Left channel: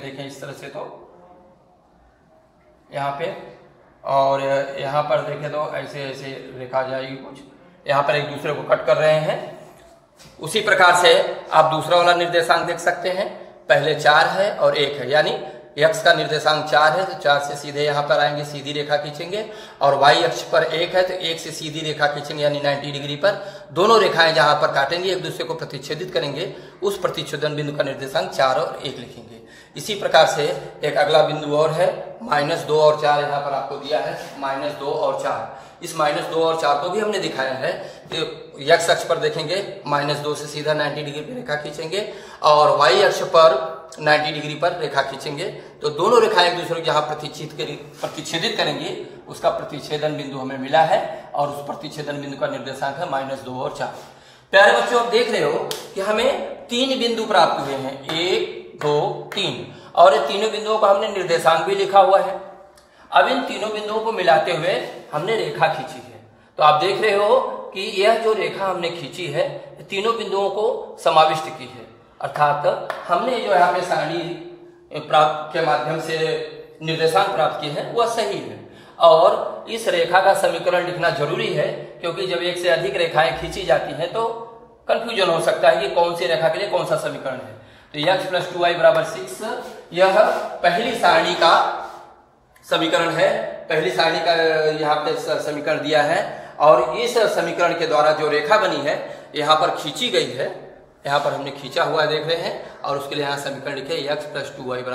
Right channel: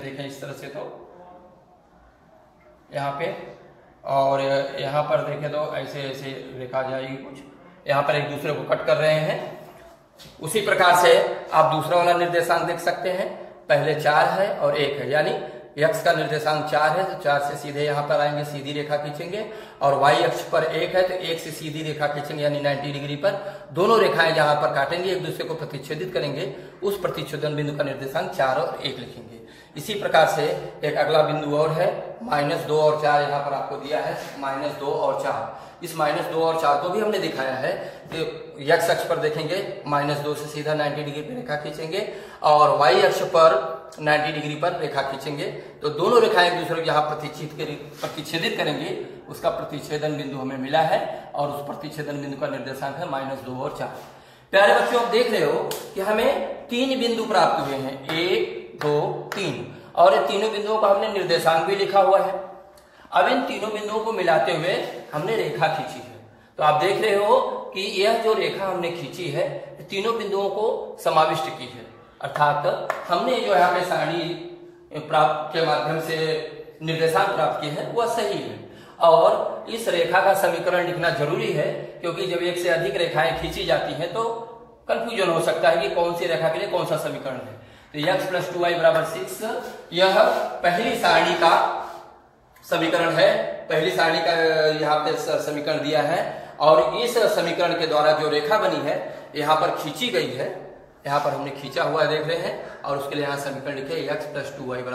देखें इस तरह से तो यहाँ पे, और यहाँ पर देखें तो ऐसे ऐसे रेखा जाएगी कुछ, यहाँ पर एक दूसरे को कट कर रहे हैं। उसी प्रकार से आप दूसरा वाला निर्देशांक देख सकते हैं, पहले 4 है और 1 है, यानी x का निर्देशांक 4 है तो 4 से सीधे यहाँ पर आएंगे, सीधी रेखा खींचेंगे, और y अक्ष पर 1 है तो 1 से सीधी रेखा खींचेंगे, यानी 90 डिग्री पर दोनों रेखाएं जहां पर काटेंगे एक दूसरे को प्रतिच्छेदित करेंगे, उस प्रतिच्छेदन बिंदु का निर्देशांक 4 और 1 लिखेंगे। इसी प्रकार से एक अगला बिंदु और है, -2 और 4 यहाँ पर आपको दिया है, -2 और 4। इस -2 और 4 को भी हमने दिखाया है कि x अक्ष पर देखेंगे -2 से सीधा 90 डिग्री पर रेखा खींचेंगे, और y अक्ष पर 90 डिग्री पर रेखा खींचेंगे, तो दोनों रेखाएं एक दूसरे को जहां प्रतिच्छेदित करेंगे उसका प्रतिच्छेदन बिंदु हमें मिला है, और उस प्रतिच्छेदन बिंदु का निर्देशांक है -2 और 4। प्यारे बच्चों, आप देख रहे हो कि हमें 3 बिंदु प्राप्त हुए हैं, 1 2 3, और ये तीनों बिंदुओं का हमने निर्देशांक भी लिखा हुआ है। अब इन तीनों बिंदुओं को मिलाते हुए हमने रेखा खींची है, तो आप देख रहे हो कि यह जो रेखा हमने खींची है तीनों बिंदुओं को समाविष्ट की है, अर्थात हमने जो यहाँ पे सारणी प्राप्त के माध्यम से निर्देशांक प्राप्त किए हैं वह सही है। और इस रेखा का समीकरण लिखना जरूरी है, क्योंकि जब एक से अधिक रेखाएं खींची जाती हैं तो कंफ्यूजन हो सकता है कि कौन सी रेखा के लिए कौन सा समीकरण है। तो x + 2y = 6 यह पहली सारणी का समीकरण है, पहली सारणी का यहाँ पे समीकरण दिया है, और इस समीकरण के द्वारा जो रेखा बनी है यहाँ पर खींची गई है, यहाँ पर हमने खींचा हुआ देख रहे हैं, और उसके लिए यहाँ समीकरण लिखे x + 2y =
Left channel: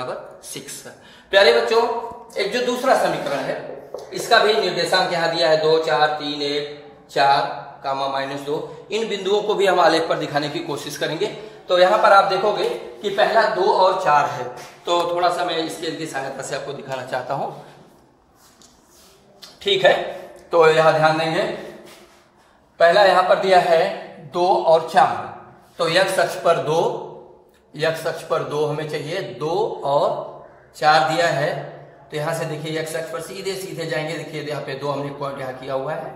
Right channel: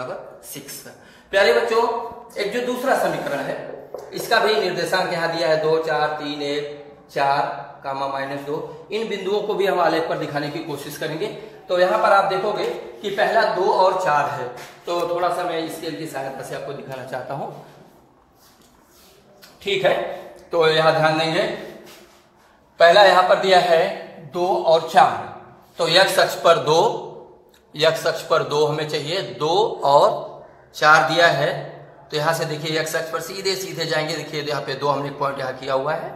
6। प्यारे बच्चों, एक जो दूसरा समीकरण है इसका भी निर्देशांक यहाँ दिया है 2 4 3 1 4, -2। इन बिंदुओं को भी हम आलेख पर दिखाने की कोशिश करेंगे। तो यहाँ पर आप देखोगे कि पहला 2 और 4 है, तो थोड़ा सा मैं स्केल की सहायता से आपको दिखाना चाहता हूं, ठीक है। तो यहाँ ध्यान देंगे, पहला यहाँ पर दिया है 2 और 4, तो x अक्ष पर 2 हमें चाहिए, 2 और 4 दिया है, तो यहां से देखिए x अक्ष पर सीधे सीधे जाएंगे, देखिए यहाँ पे 2 हमने पॉइंट यहाँ किया हुआ है,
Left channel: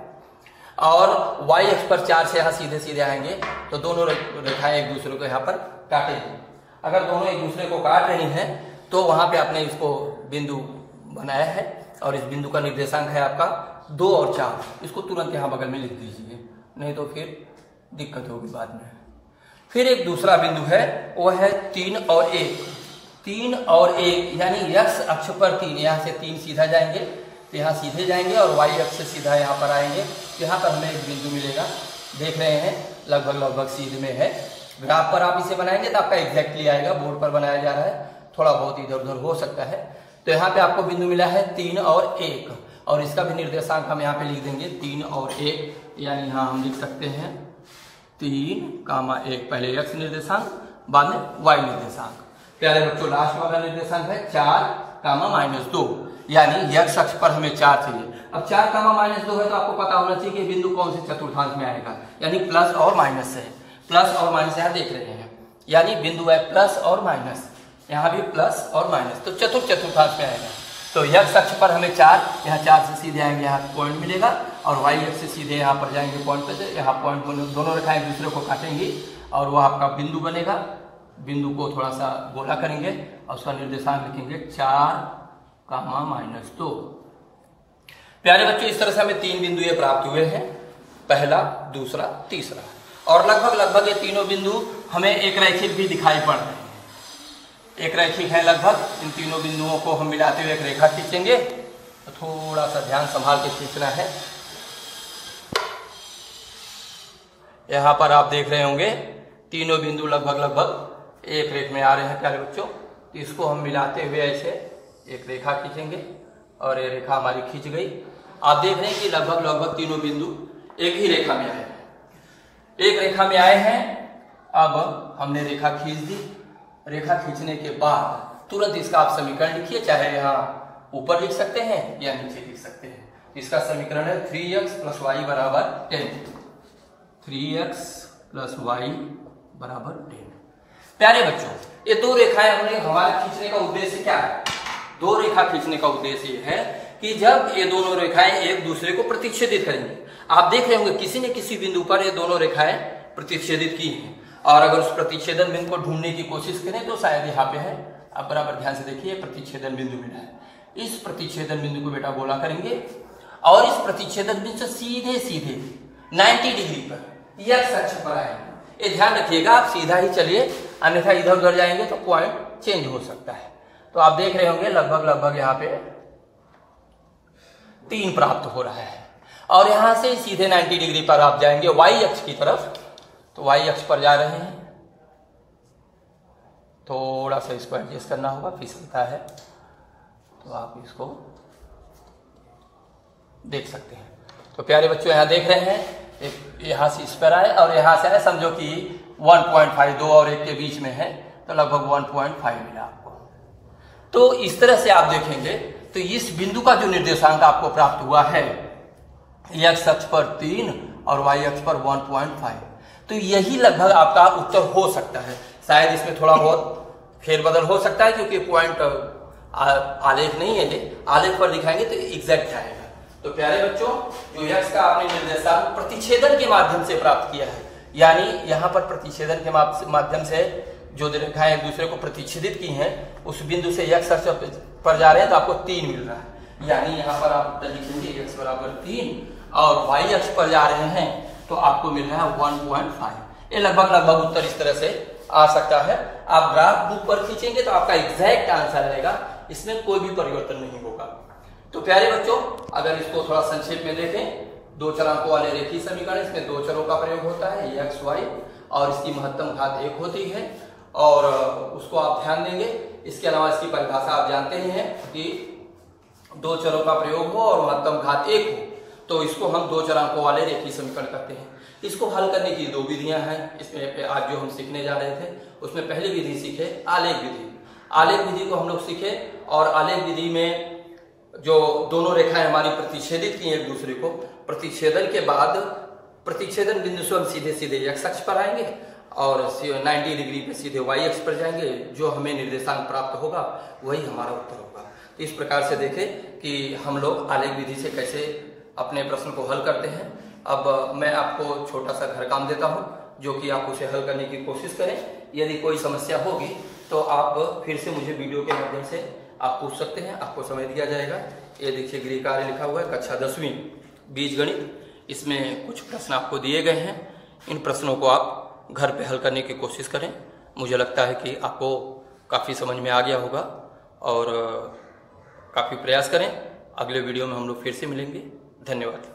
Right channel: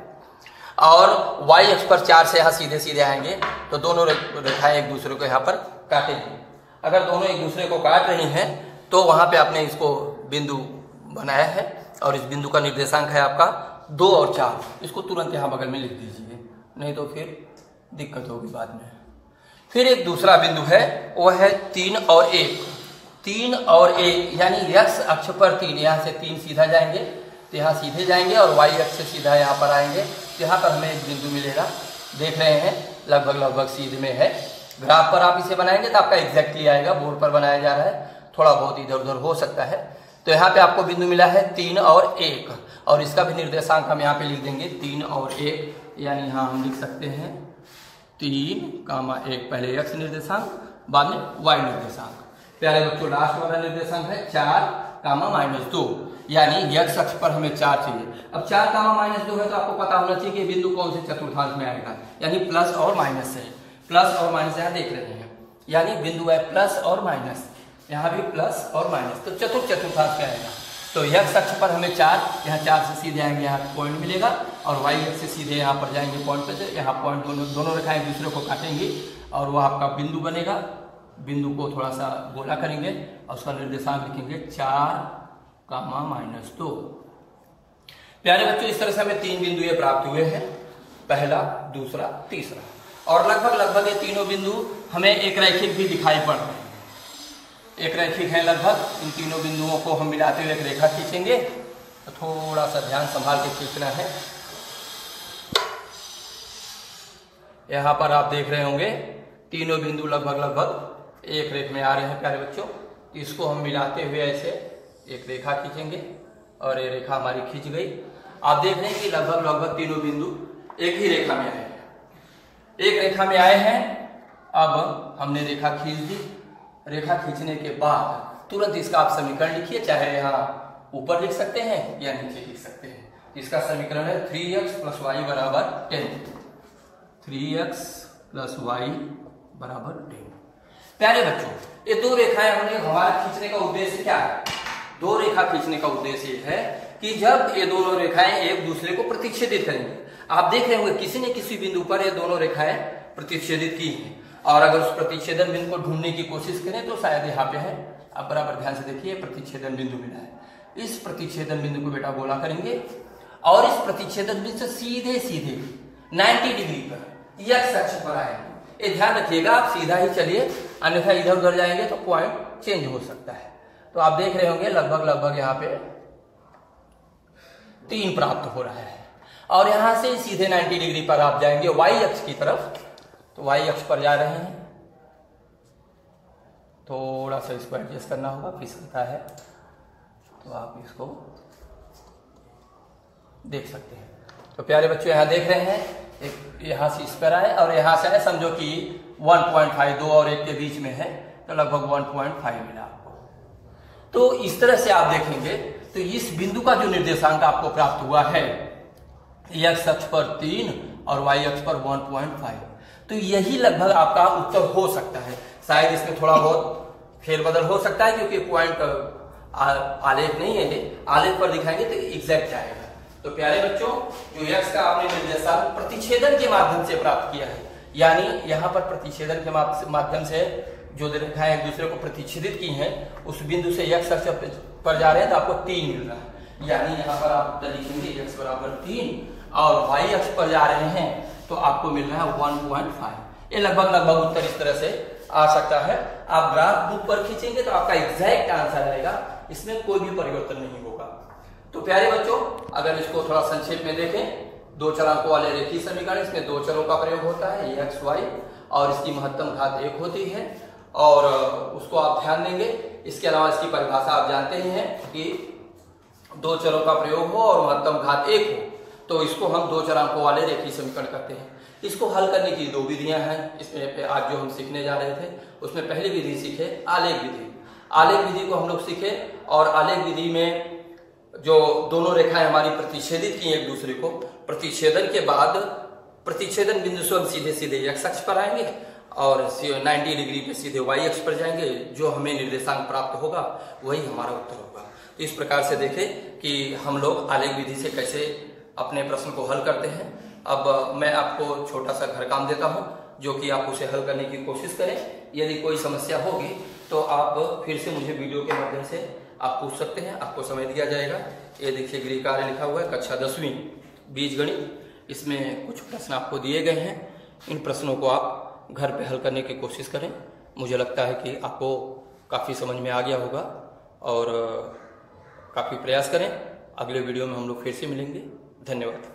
और y अक्ष पर 4 से यहाँ सीधे सीधे आएंगे, तो दोनों रेखाएं एक दूसरे को यहाँ पर काटेंगे। अगर दोनों एक दूसरे को काट रही हैं तो वहां पे आपने इसको बिंदु बनाया है, और इस बिंदु का निर्देशांक है आपका 2 और 4। इसको तुरंत यहाँ बगल में लिख दीजिए, नहीं तो फिर दिक्कत होगी बाद में। फिर एक दूसरा बिंदु है, वो है 3 और 1। 3 और 1 यानी x अक्ष पर 3, यहाँ से 3 सीधा जाएंगे तो यहाँ सीधे जाएंगे, और y अक्ष से सीधा यहाँ पर आएंगे, यहाँ पर हमें एक बिंदु मिलेगा, देख रहे हैं लगभग सीधे में है। ग्राफ पर आप इसे बनाएंगे तो आपका एग्जैक्टली आएगा, बोर्ड पर बनाया जा रहा है, थोड़ा बहुत इधर उधर हो सकता है। तो यहाँ पे आपको बिंदु मिला है 3 और 1, और इसका भी निर्देशांक हम यहाँ पे लिख देंगे 3 और 1, यानी यहाँ हम लिख सकते हैं 3, 1, पहले x निर्देशांक बाद में y निर्देशांक। प्यारे बच्चों, लास्ट वाला निर्देशांक है 4, -2, यानी x अक्ष पर हमें 4 चाहिए। अब 4, -2 है तो आपको पता होना चाहिए कि बिंदु कौन से चतुर्थांश में आएगा, यानी प्लस और माइनस है, प्लस और माइनस यहाँ देख रहे हैं, यानी बिंदु है प्लस और माइनस, यहाँ भी प्लस और माइनस, तो चतुर्थांश में आएगा। तो x अक्ष पर हमें 4, यहाँ 4 से सीधे आएंगे, यहाँ पॉइंट मिलेगा, और y अक्ष से सीधे यहाँ पर जाएंगे पॉइंट पे, यहाँ पॉइंट दोनों रेखाएं एक दूसरे को काटेंगी, और वह आपका बिंदु बनेगा। बिंदु को थोड़ा सा गोला करेंगे और उसका निर्देशांक लिखेंगे 4, -2। प्यारे बच्चों, इस तरह से हमें 3 बिंदु ये प्राप्त हुए हैं, पहला, दूसरा, तीसरा, और लगभग ये तीनों बिंदु हमें एक रैखिक भी दिखाई पड़ रहे हैं, एक रैखिक है लगभग। इन तीनों बिंदुओं को हम मिलाते हुए एक रेखा खींचेंगे, तो थोड़ा सा ध्यान संभाल के खींचना है। यहाँ पर आप देख रहे होंगे तीनों बिंदु लगभग एक रेख में आ रहे हैं। प्यारे बच्चों, तो इसको हम मिलाते हुए ऐसे एक रेखा खींचेंगे, और ये रेखा हमारी खींच गई। आप देख रहे हैं कि लगभग तीनों बिंदु एक ही रेखा में आए, एक रेखा में आए हैं। अब हमने रेखा खींच दी, रेखा खींचने के बाद तुरंत इसका आप समीकरण लिखिए, चाहे यहाँ ऊपर लिख सकते हैं या नीचे लिख सकते हैं। इसका समीकरण है 3x + y = 10, 3x + y = 10। प्यारे बच्चों, ये 2 रेखाएं हमने हमारे खींचने का उद्देश्य क्या है? 2 रेखा खींचने का उद्देश्य ये है कि जब ये दोनों रेखाएं एक दूसरे को प्रतिच्छेदित करेंगे, आप देख रहे होंगे किसी न किसी बिंदु पर ये दोनों रेखाएं प्रतिच्छेदित की हैं, और अगर उस प्रतिच्छेदन बिंदु को ढूंढने की कोशिश करें तो शायद यहाँ पे है, अब बराबर ध्यान से देखिए, प्रतिच्छेदन बिंदु मिला है। इस प्रतिच्छेदन बिंदु को बेटा गोला करेंगे और इस प्रतिच्छेदन बिंदु से सीधे सीधे 90 डिग्री पर यक्स अक्ष पर आएंगे। ये ध्यान रखिएगा, आप सीधा ही चलिए, अन्यथा इधर उधर जाएंगे तो पॉइंट चेंज हो सकता है। तो आप देख रहे होंगे लगभग यहाँ पे 3 प्राप्त हो रहा है और यहां से सीधे 90 डिग्री पर आप जाएंगे वाई अक्ष की तरफ। तो वाई अक्ष पर जा रहे हैं, थोड़ा सा इसको एडजस्ट करना होगा, फिसलता है, तो आप इसको देख सकते हैं। तो प्यारे बच्चों यहां देख रहे हैं, एक यहां से इस पर आए और यहां से आए, समझो कि 1.5 2 और 1 के बीच में है, तो लगभग 1.5 मिला आपको। तो इस तरह से आप देखेंगे तो इस बिंदु का जो निर्देशांक आपको प्राप्त हुआ है एक्स अक्ष पर 3 और वाई अक्ष पर 1.5, तो यही लगभग आपका उत्तर हो सकता है। शायद इसमें थोड़ा बहुत फेरबदल हो सकता है क्योंकि पॉइंट आलेख नहीं है, आलेख पर दिखाएंगे तो एग्जैक्ट आएगा। तो प्यारे बच्चों, जो एक्स का आपने निर्देशांक प्रतिच्छेदन के माध्यम से प्राप्त किया है, यानी यहाँ पर प्रतिच्छेदन के माध्यम से जो रेखाएं एक दूसरे को प्रतिच्छेदित की हैं, उस बिंदु से एक्स अक्ष पर जा रहे हैं तो आपको 3 मिल रहा है। यानी यहाँ पर आप लिखेंगे एक्स बराबर 3 और वाई अक्ष पर जा रहे हैं तो आपको मिल रहा है 1.5। ये लगभग उत्तर इस तरह से आ सकता है। आप ग्राफ बुक पर खींचेंगे तो आपका एग्जैक्ट आंसर आएगा, इसमें कोई भी परिवर्तन नहीं होगा। तो प्यारे बच्चों, अगर इसको थोड़ा संक्षेप में देखें, 2 चरांकों वाले रेखीय समीकरण, इसमें 2 चरों का प्रयोग होता है, एक्स वाई, और इसकी महत्तम घात 1 होती है और उसको आप ध्यान देंगे। इसके अलावा इसकी परिभाषा आप जानते ही हैं कि 2 चरों का प्रयोग हो और महत्तम घात 1 हो, तो इसको हम 2 चरांकों वाले रेखीय समीकरण कहते हैं। इसको हल करने की 2 विधियां हैं। इसमें आज जो हम सीखने जा रहे थे उसमें पहली विधि सीखे आलेख विधि। आलेख विधि को हम लोग सीखे और आलेख विधि में जो दोनों रेखाएं हमारी प्रतिच्छेदित की एक दूसरे को, प्रतिच्छेदन के बाद प्रतिच्छेदन बिंदु से हम सीधे सीधे एक्स अक्ष पर आएंगे और 90 डिग्री पे सीधे वाई अक्ष पर जाएंगे। जो हमें निर्देशांक प्राप्त होगा वही हमारा उत्तर होगा। तो इस प्रकार से देखें कि हम लोग आलेख विधि से कैसे अपने प्रश्न को हल करते हैं। अब मैं आपको छोटा सा घर काम देता हूं, जो कि आप उसे हल करने की कोशिश करें। यदि कोई समस्या होगी तो आप फिर से मुझे वीडियो के माध्यम से आप पूछ सकते हैं, आपको समय दिया जाएगा। ये देखिए गृह कार्य लिखा हुआ है, कक्षा 10वीं बीजगणित। इसमें कुछ प्रश्न आपको दिए गए हैं, इन प्रश्नों को आप घर पे हल करने की कोशिश करें। मुझे लगता है कि आपको काफ़ी समझ में आ गया होगा और काफ़ी प्रयास करें। अगले वीडियो में हम लोग फिर से मिलेंगे। धन्यवाद।